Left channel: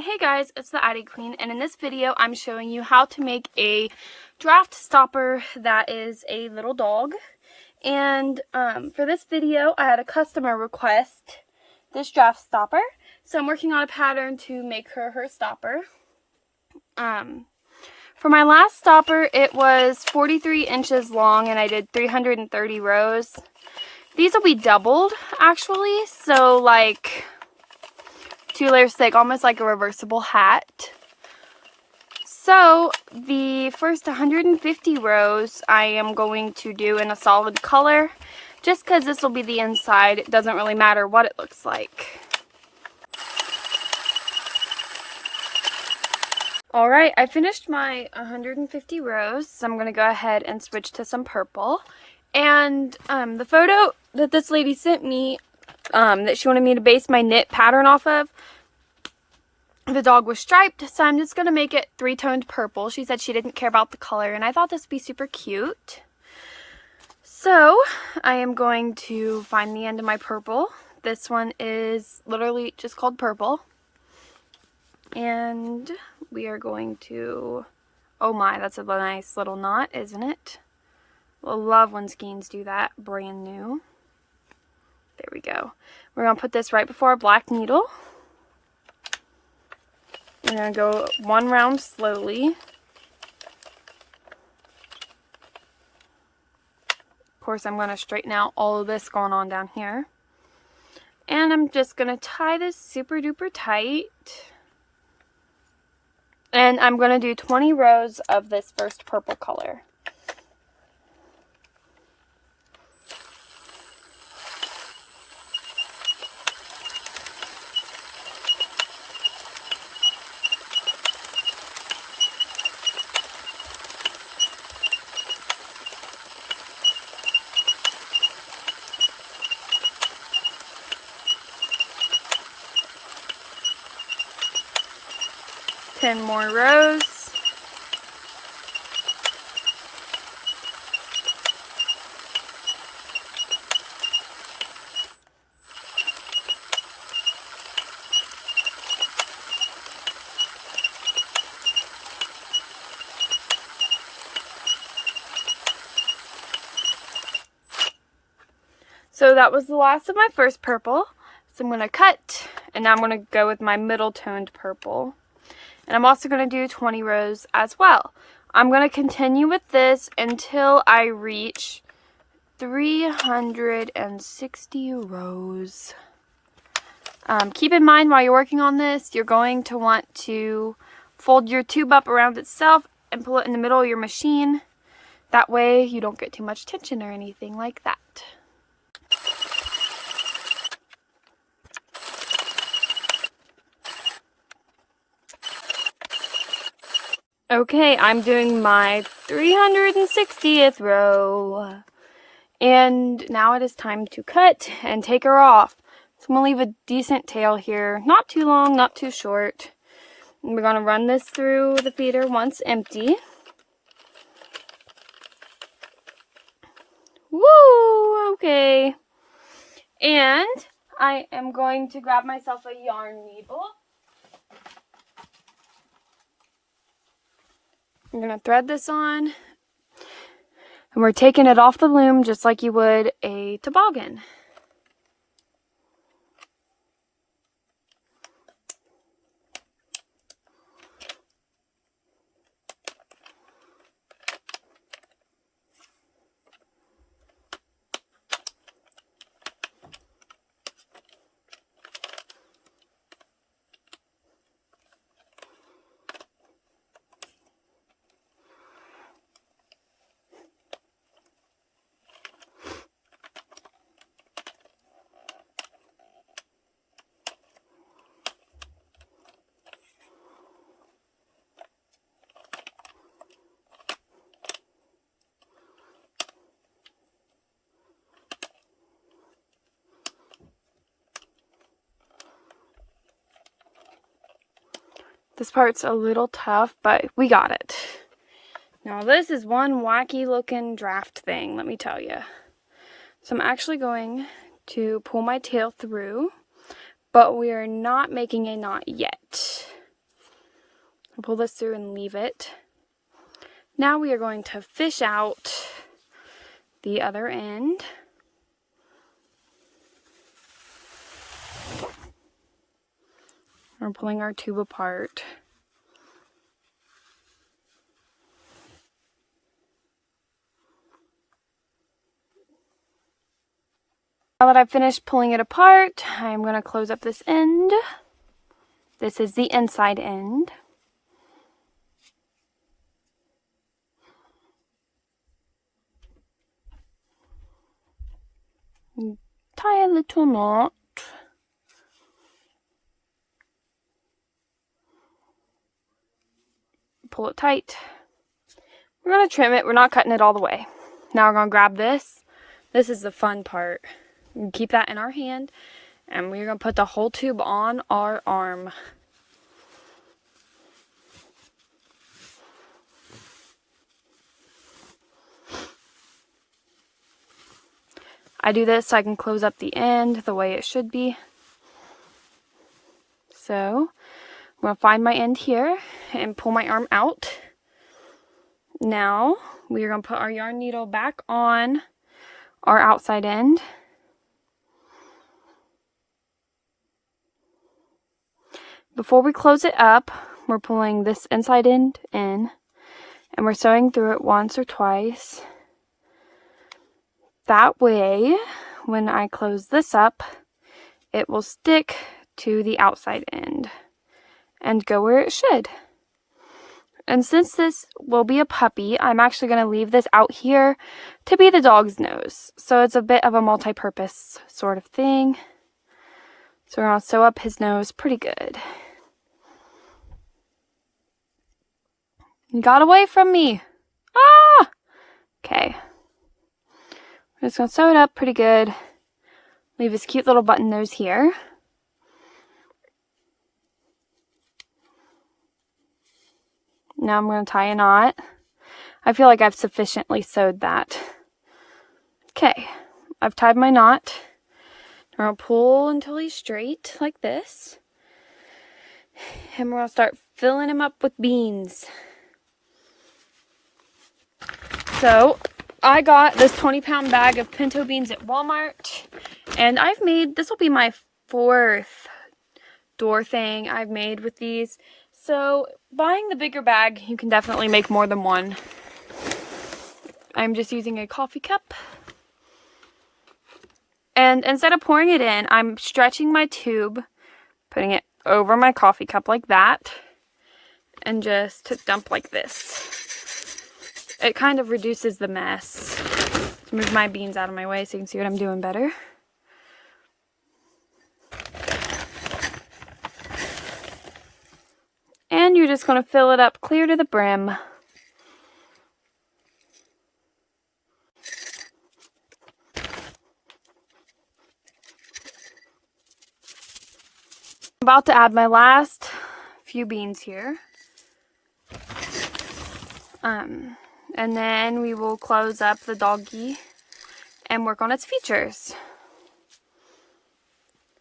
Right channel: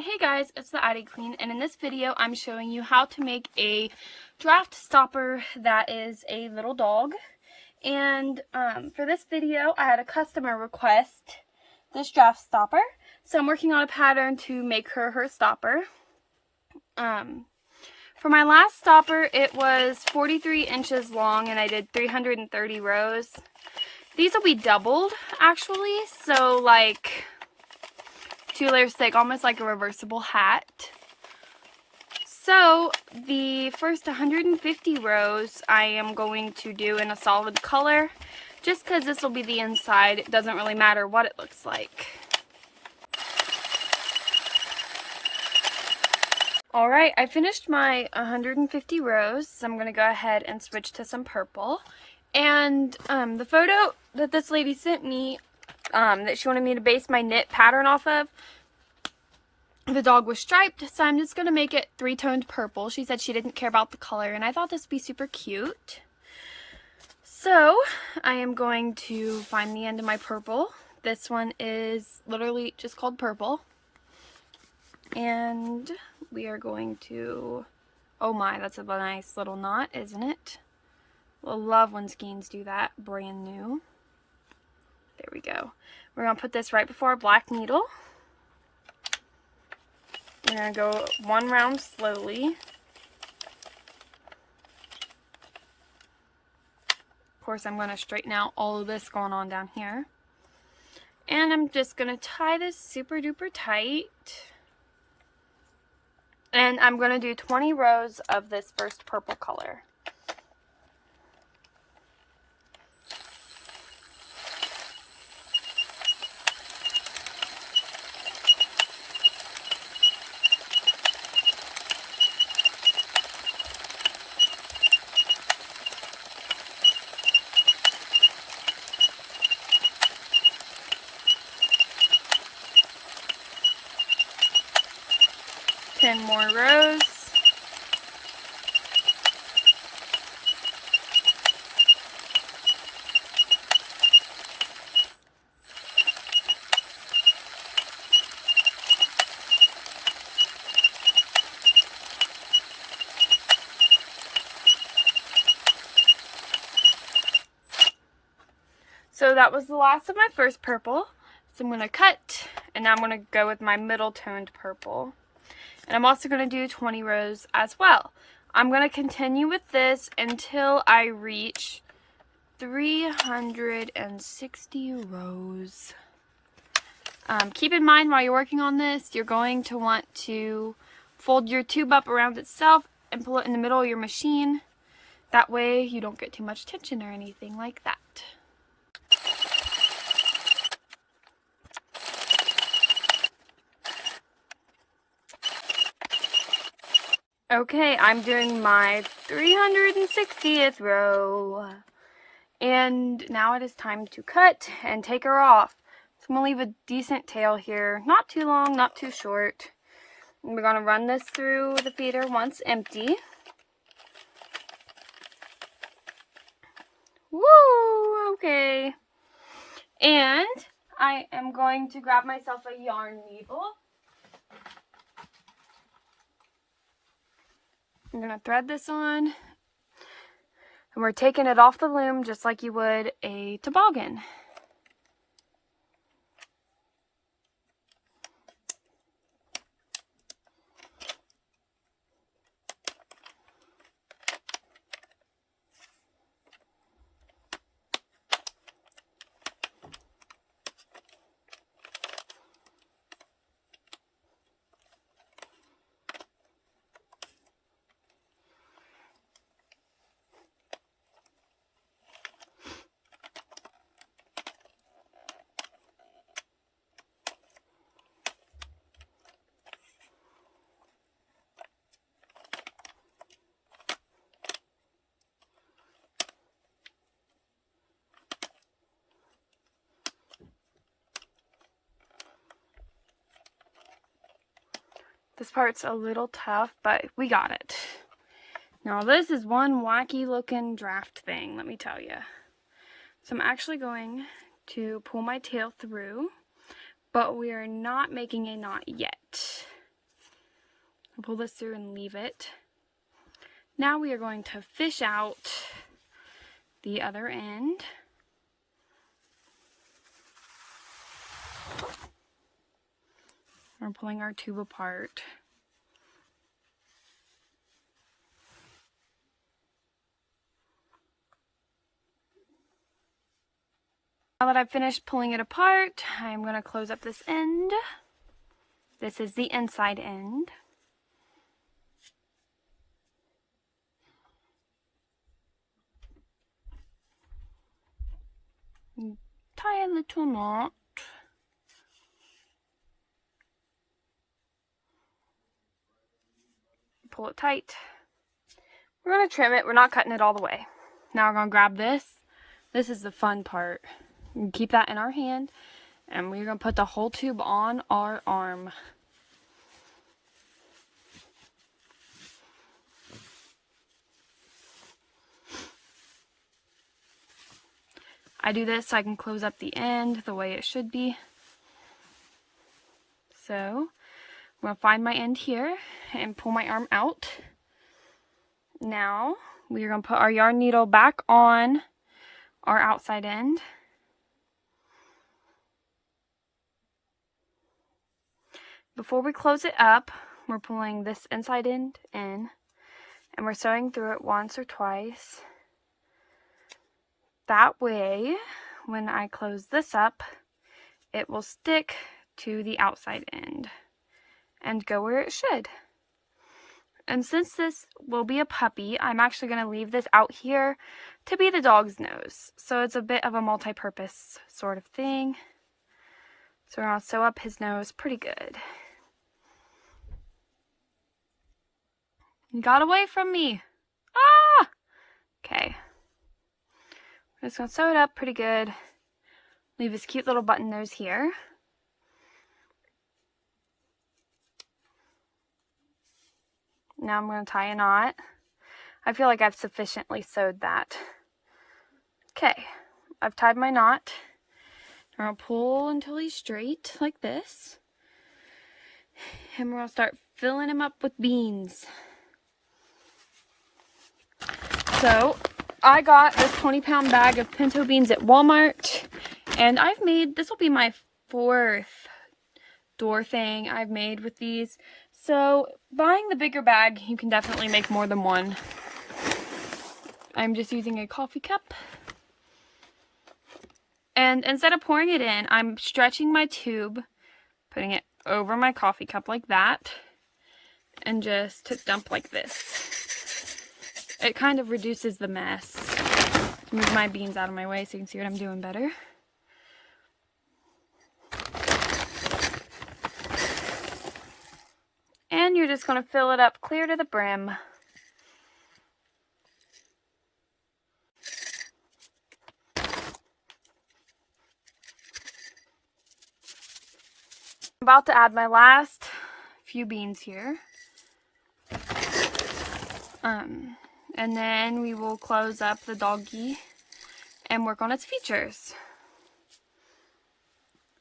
Hey guys, it's the Addi Queen, and in this video I'm showing you how to make a draft stopper that is a little dog. And for this video I had a customer request this draft stopper, so I'm working on a pattern to make her stopper. For my last stopper it was 43 inches long and I did 330 rows. These will be doubled actually, so like 2 layers thick, almost like a reversible hat. So the first 150 rows I am going to do in a solid color, just because this will be the inside. It doesn't really matter what it looks like. Alright, I finished my 150 rows, so I'm going to go ahead and switch to some purple. And the photo that this lady sent me, that she wanted me to base my knit pattern off of, the dog was striped, so I'm just going to make it 3-toned purple. She said she didn't care about the color, and I thought this would be super cute. So, I am going to find the end of my purple. This one is literally just called purple. And we are going to... Oh my, that's a nice little knot, isn't it? I love when skeins do that. Brand new. There we go. We're going to put this right before our black needle. I'm going to go one round slowly. Of course, I'm going to straighten out all of this going on down here. And I'm just going to tie this super duper tight. And I'm going to do 20 rows of this first purple color. Ten more rows. So that was the last of my first purple. So I'm going to cut, and now I'm going to go with my middle toned purple. And I'm also going to do 20 rows as well. I'm going to continue with this until I reach 360 rows. Keep in mind while you're working on this, you're going to want to fold your tube up around itself and pull it in the middle of your machine. That way you don't get too much tension or anything like that. Okay, I'm doing my 360th row. And now it is time to cut and take her off. So I'm going to leave a decent tail here. Not too long, not too short. And we're going to run this through the feeder once empty. Woo! Okay. And I am going to grab myself a yarn needle. I'm going to thread this on, and we're taking it off the loom just like you would a toboggan. This part's a little tough, but we got it. Now this is one wacky looking draft thing, let me tell you. So I'm actually going to pull my tail through, but we are not making a knot yet. I'll pull this through and leave it. Now we are going to fish out the other end. We're pulling our tube apart. Now that I've finished pulling it apart, I'm going to close up this end. This is the inside end. Tie a little knot. Pull it tight. We're going to trim it. We're not cutting it all the way. Now we're going to grab this. This is the fun part. Keep that in our hand, and we're going to put the whole tube on our arm. I do this so I can close up the end the way it should be. So I'm going to find my end here and pull my arm out. Now we're going to put our yarn needle back on our outside end. Before we close it up, we're pulling this inside end in, and we're sewing through it once or twice. That way, when I close this up, it will stick to the outside end and go where it should. And since this will be a puppy, I'm actually going to leave this out here to be the dog's nose. So it's a bit of a multi-purpose sort of thing. So we're going to sew up his nose pretty good. You got away from me. Ah! Okay. I'm just going to sew it up pretty good. Leave his cute little button nose here. Now I'm going to tie a knot. I feel like I've sufficiently sewed that. Okay. I've tied my knot. I'm going to pull until he's straight like this. And we're going to start filling him up with beans. So, I got this 20-pound bag of pinto beans at Walmart, and I've made, this will be my 4th door thing I've made with these. So, buying the bigger bag, you can definitely make more than one. I'm just using a coffee cup. And instead of pouring it in, I'm stretching my tube, putting it over my coffee cup like that, and just dump like this. It kind of reduces the mess. Move my beans out of my way so you can see what I'm doing better. And you're just going to fill it up clear to the brim. I'm about to add my last few beans here. And then we will close up the doggy and work on its features.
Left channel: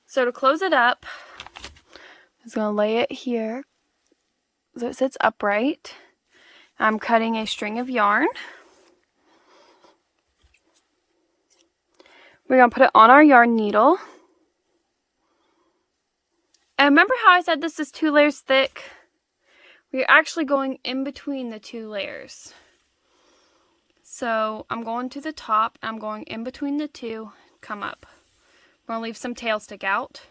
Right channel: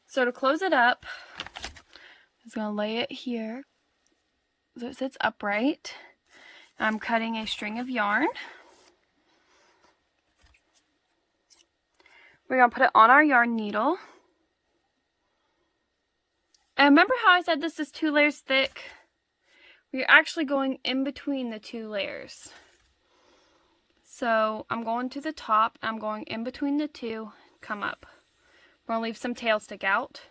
So to close it up, I'm just going to lay it here so it sits upright. I'm cutting a string of yarn. We're going to put it on our yarn needle. And remember how I said this is 2 layers thick? We're actually going in between the 2 layers. So I'm going to the top, I'm going in between the 2, come up. I'm going to leave some tail stick out.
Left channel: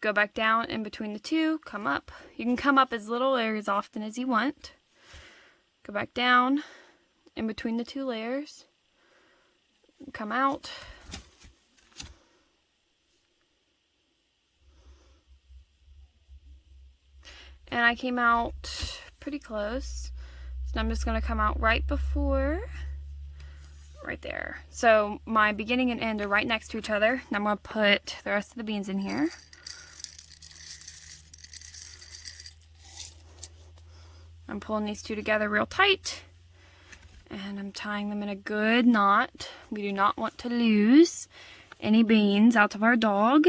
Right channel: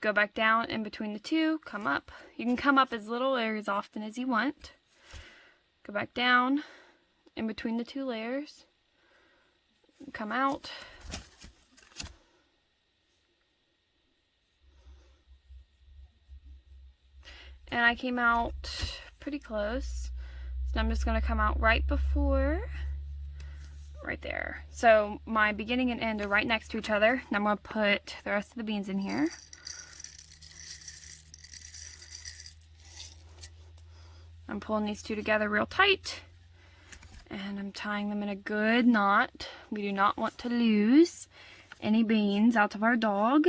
Go back down in between the 2, come up. You can come up as little or as often as you want. Go back down in between the 2 layers. Come out. And I came out pretty close. So I'm just going to come out right before, right there. So my beginning and end are right next to each other. And I'm going to put the rest of the beans in here. I'm pulling these 2 together real tight. And I'm tying them in a good knot. We do not want to lose any beans out of our dog.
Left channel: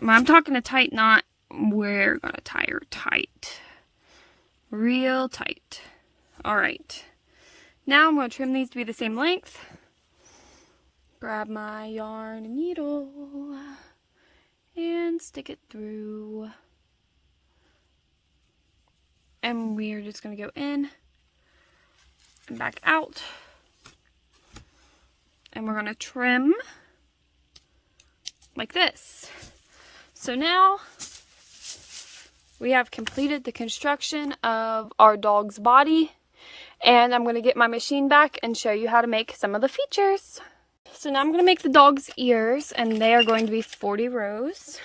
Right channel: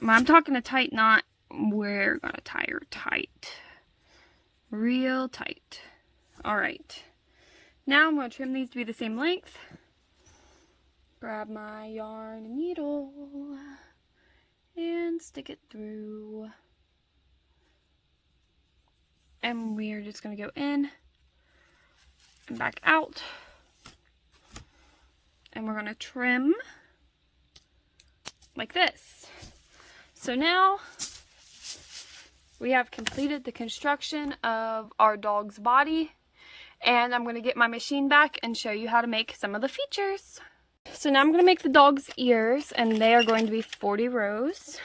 When I'm talking a tight knot, we're gonna tie her tight. Real tight. Alright. Now I'm gonna trim these to be the same length. Grab my yarn and needle and stick it through. And we're just gonna go in and back out. And we're gonna trim like this. So now we have completed the construction of our dog's body, and I'm gonna get my machine back and show you how to make some of the features. So now I'm gonna make the dog's ears, and they are going to be 40 rows.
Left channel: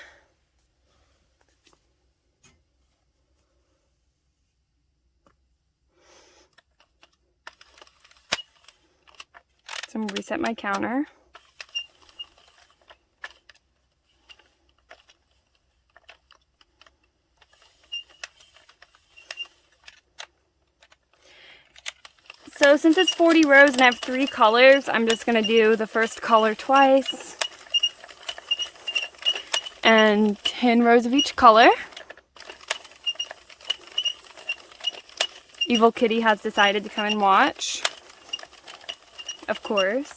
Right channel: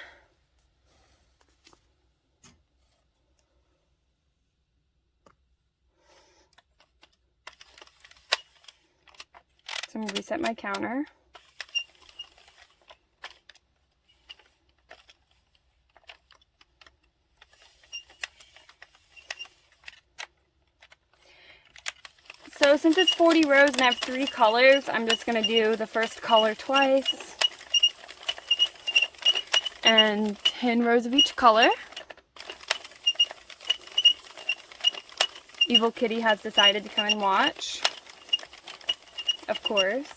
So I'm gonna reset my counter. So since it's 40 rows and I have 3 colors, I'm just going to do the first color twice. And 10 rows of each color. Evil Kitty has decided to come and watch. Of course.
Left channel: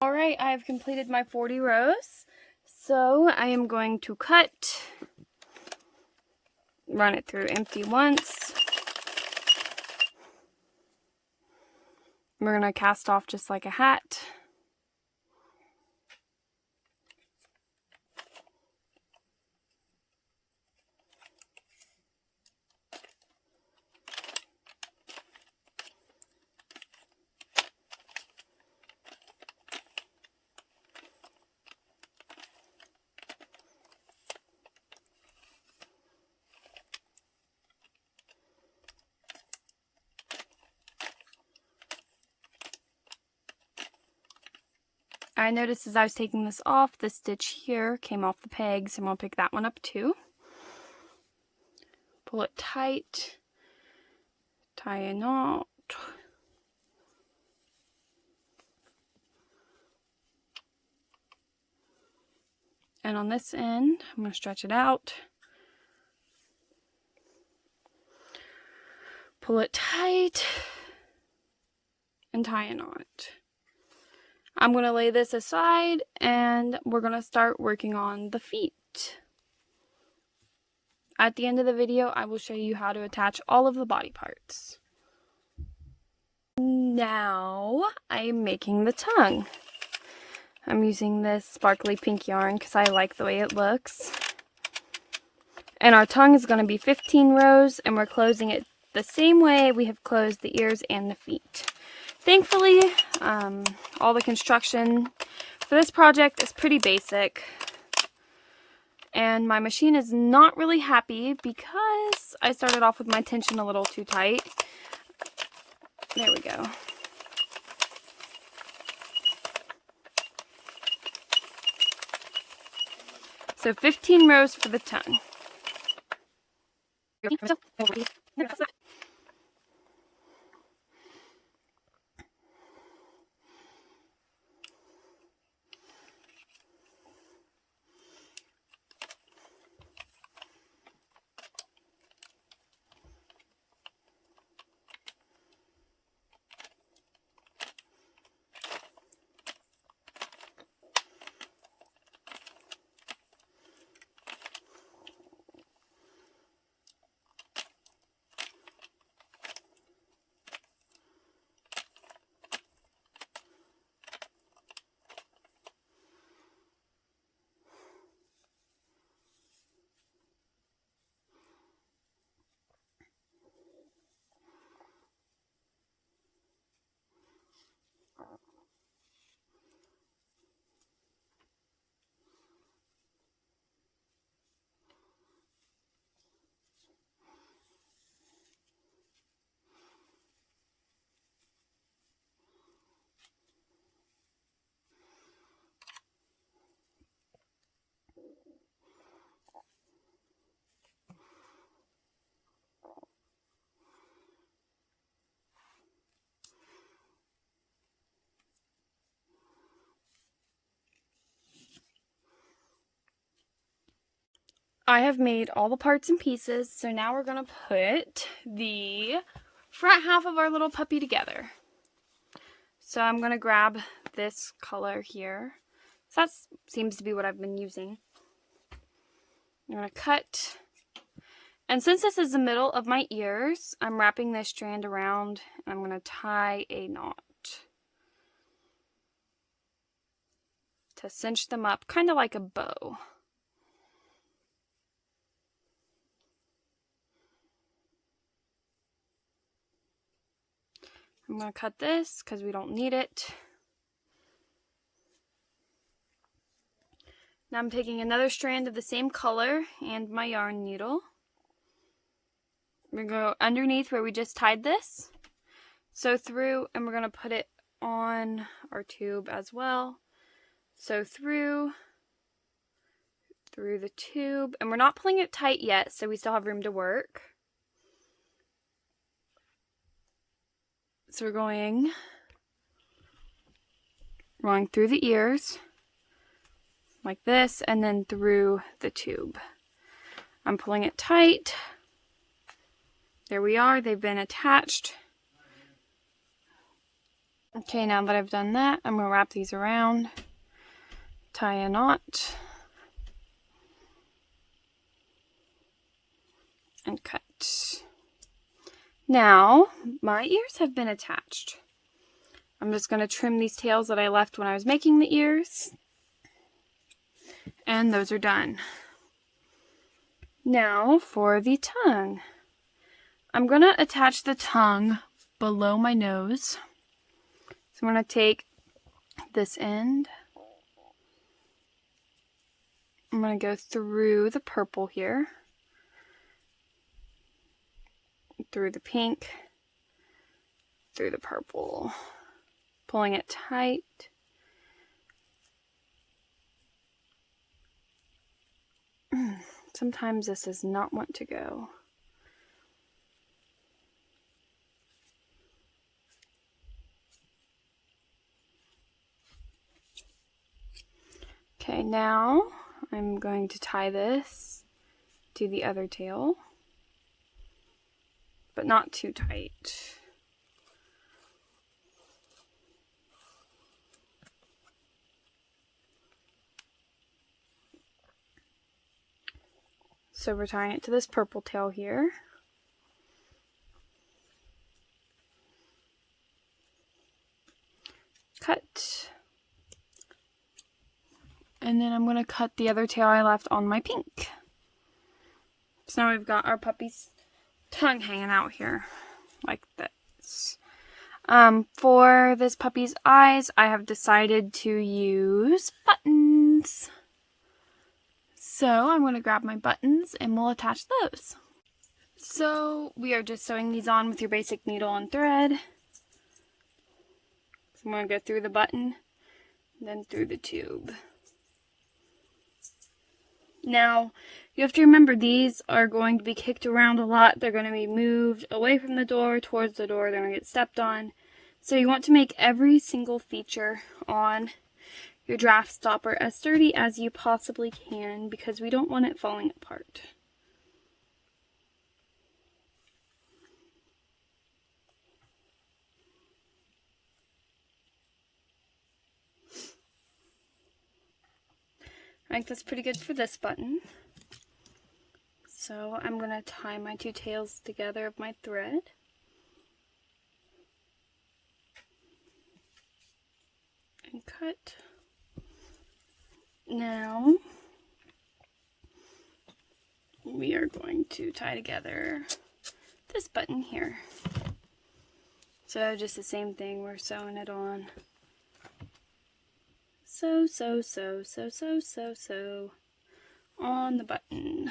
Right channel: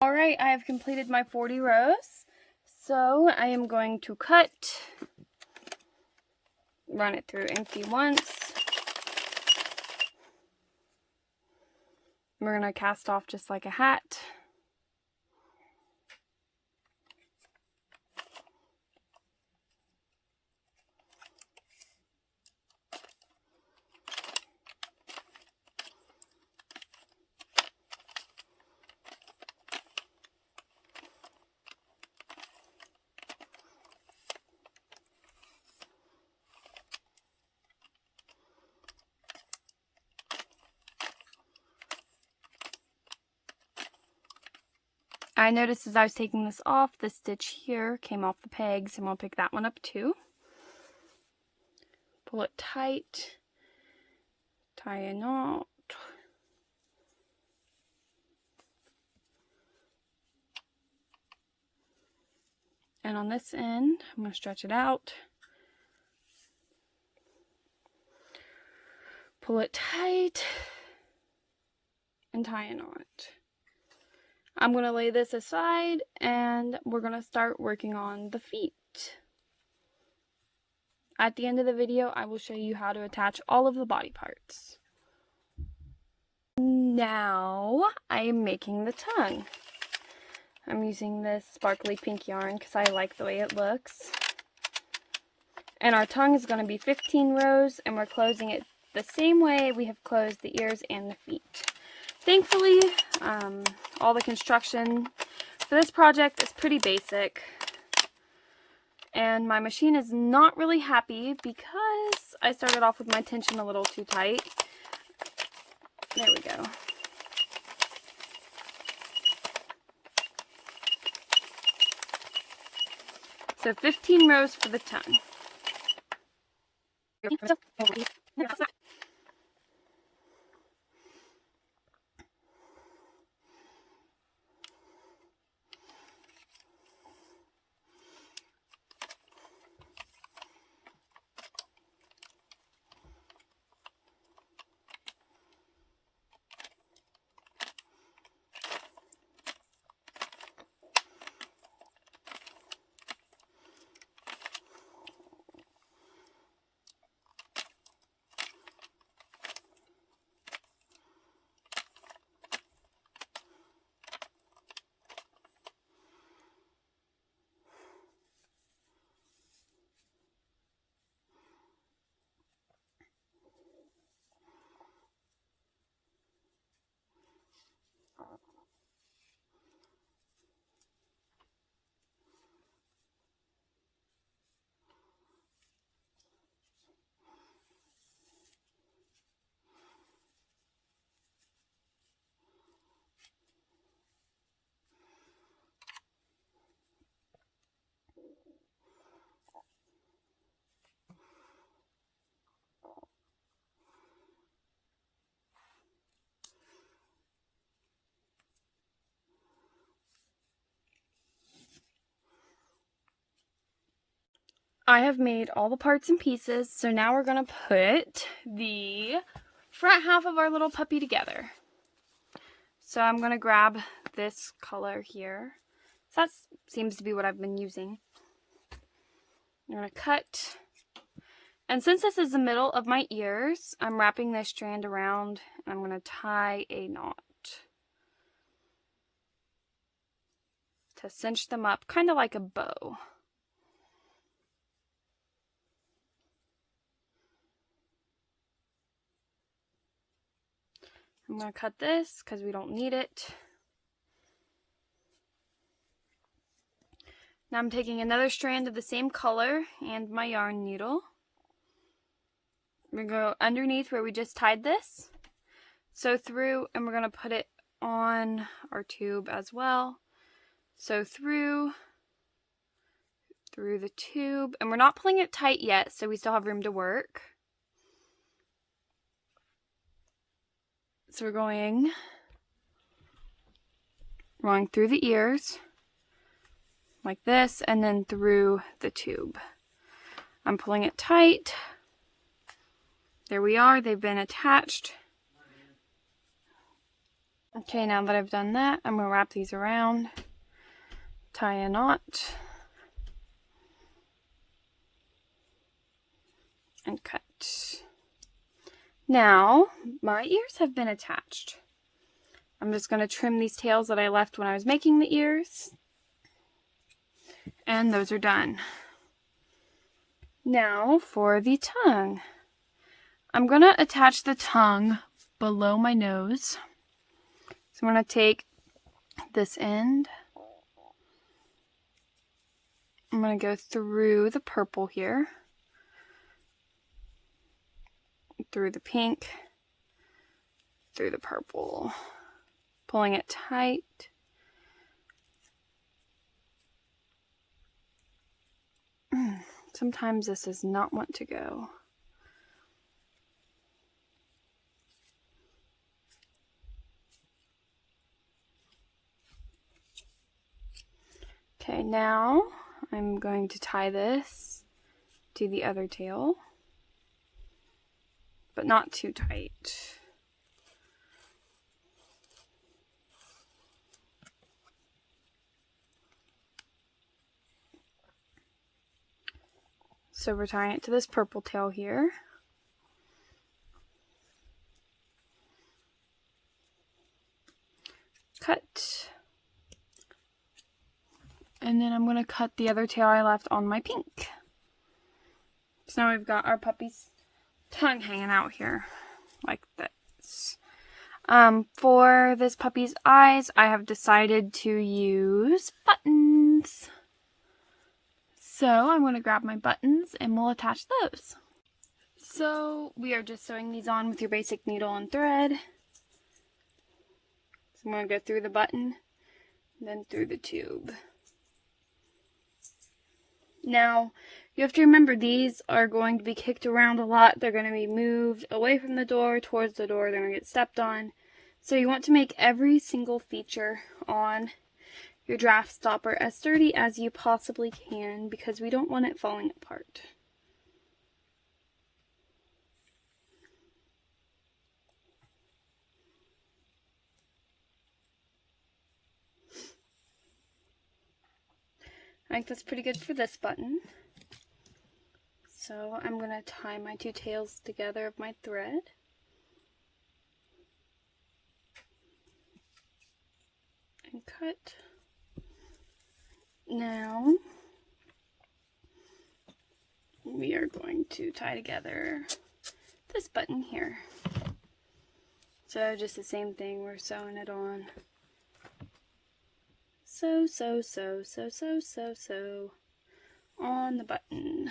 Alright, I have completed my 40 rows. So I am going to cut, run it through empty once. We're going to cast off just like a hat. I noticed as I was taking this off, the stitch here came off the pegs, and we'll pick that one up too. Pull it tight, tie a knot. And on this end, I'm going to stretch it out. Pull it tight and tie a knot. I'm going to lay this aside and we're going to start working on the feet. At the end of the video, I will show you how to attach all of the body parts. Now, I am making the tongue. I'm using this sparkly pink yarn because I like the way it looks. And our tongue is going to be 15 rows, and we're closing it the same way we have closed the ears and the feet. Thankfully, all the construction for this project is pretty basic. And my machine is not really happy because I started off with my tension a little too tight. There we go. So 15 rows for the tongue. I have made all the parts and pieces, so now we're going to put the front half of our little puppy together. So I'm going to grab this color here. So that seems to be what I've been using. I'm going to cut. And since this is the middle of my ears, I'm wrapping this strand around and I'm going to tie a knot to cinch them up, kind of like a bow. I'm going to cut this because we don't need it. Now I'm taking another strand of the same color and my yarn needle. We're going to go underneath where we just tied this, sew through, and we're going to put it on our tube as well. Sew through the tube, and we're not pulling it tight yet, so we still have room to work. So we're going through the ears like this, and then through the tube. I'm pulling it tight. There we are, they've been attached. Okay, now that I've done that, I'm going to wrap these around, tie a knot, and cut. Now, my ears have been attached. I'm just going to trim these tails that I left when I was making the ears. And those are done. Now for the tongue. I'm going to attach the tongue below my nose. So I'm going to take this end. I'm going to go through the purple here, through the pink, through the purple, pulling it tight. Sometimes this does not want to go. Okay, now I'm going to tie this to the other tail, but not too tight. So we're tying it to this purple tail here. Cut. And then I'm going to cut the other tail I left on my pink. So now we've got our puppy's tongue hanging out here, like this. For this puppy's eyes, I have decided to use buttons. So I'm going to grab my buttons and we'll attach those. So we are just sewing these on with your basic needle and thread. So I'm going to go through the button, then through the tube. Now, you have to remember these are going to be kicked around a lot. They're going to be moved away from the door, towards the door. They're going to get stepped on. So you want to make every single feature on your draft stopper as sturdy as you possibly can, because we don't want it falling apart. I think that's pretty good for this button. So I'm going to tie my two tails together of my thread. And cut. Now we are going to tie together this button here. So just the same thing, we're sewing it on. Sew on the button.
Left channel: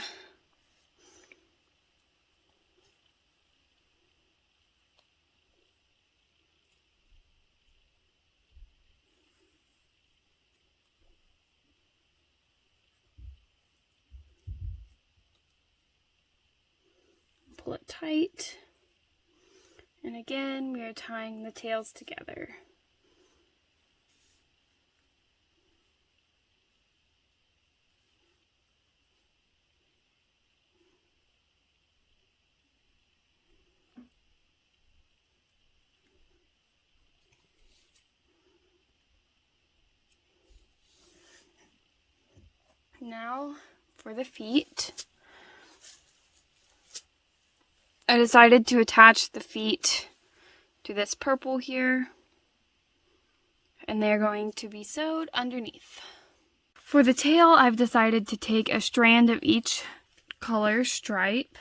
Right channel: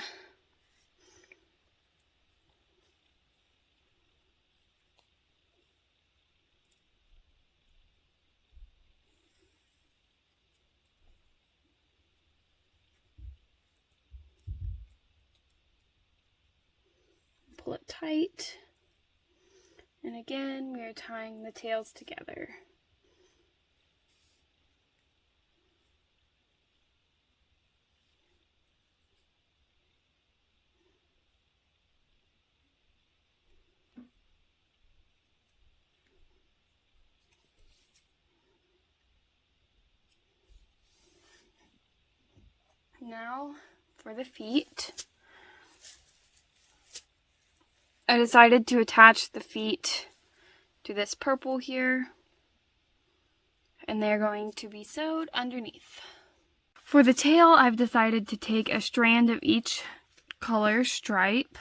Pull it tight. And again, we are tying the tails together. Now for the feet. I decided to attach the feet to this purple here, and they're going to be sewed underneath. For the tail, I've decided to take a strand of each color stripe.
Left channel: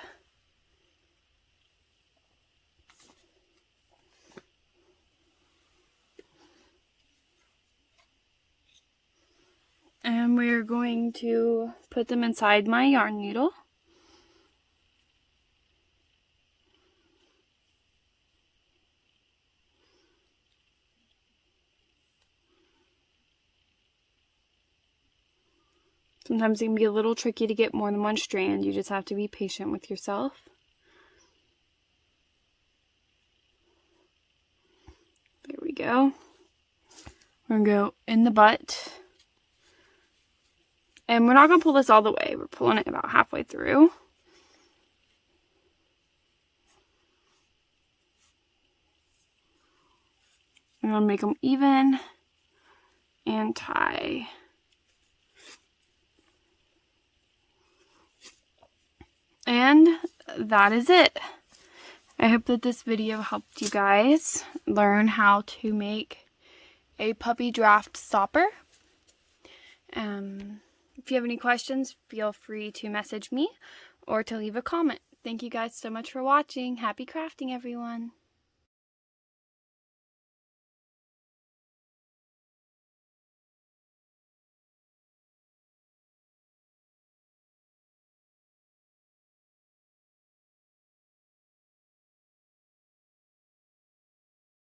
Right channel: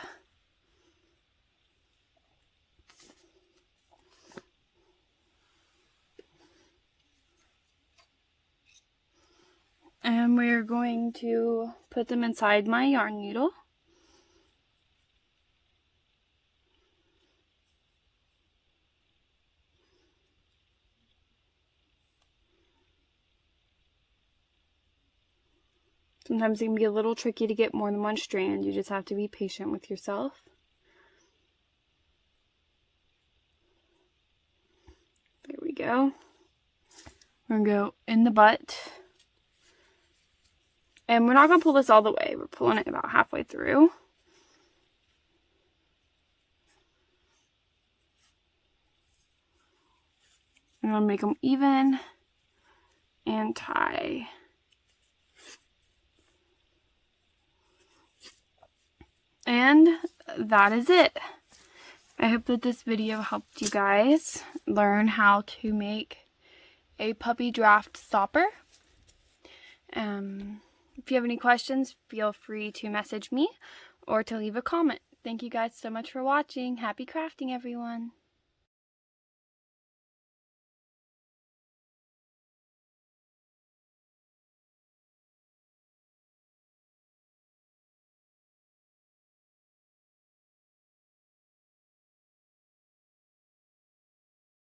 And we're going to put them inside my yarn needle. Sometimes it can be a little tricky to get more than one strand. You just have to be patient with yourself. There we go. We're going to go in the butt. And we're not going to pull this all the way. We're pulling it about halfway through. I'm going to make them even and tie. And that is it. I hope that this video helped you guys learn how to make a puppy draft stopper. If you have any questions, feel free to message me or to leave a comment. Thank you guys so much for watching. Happy crafting, everyone.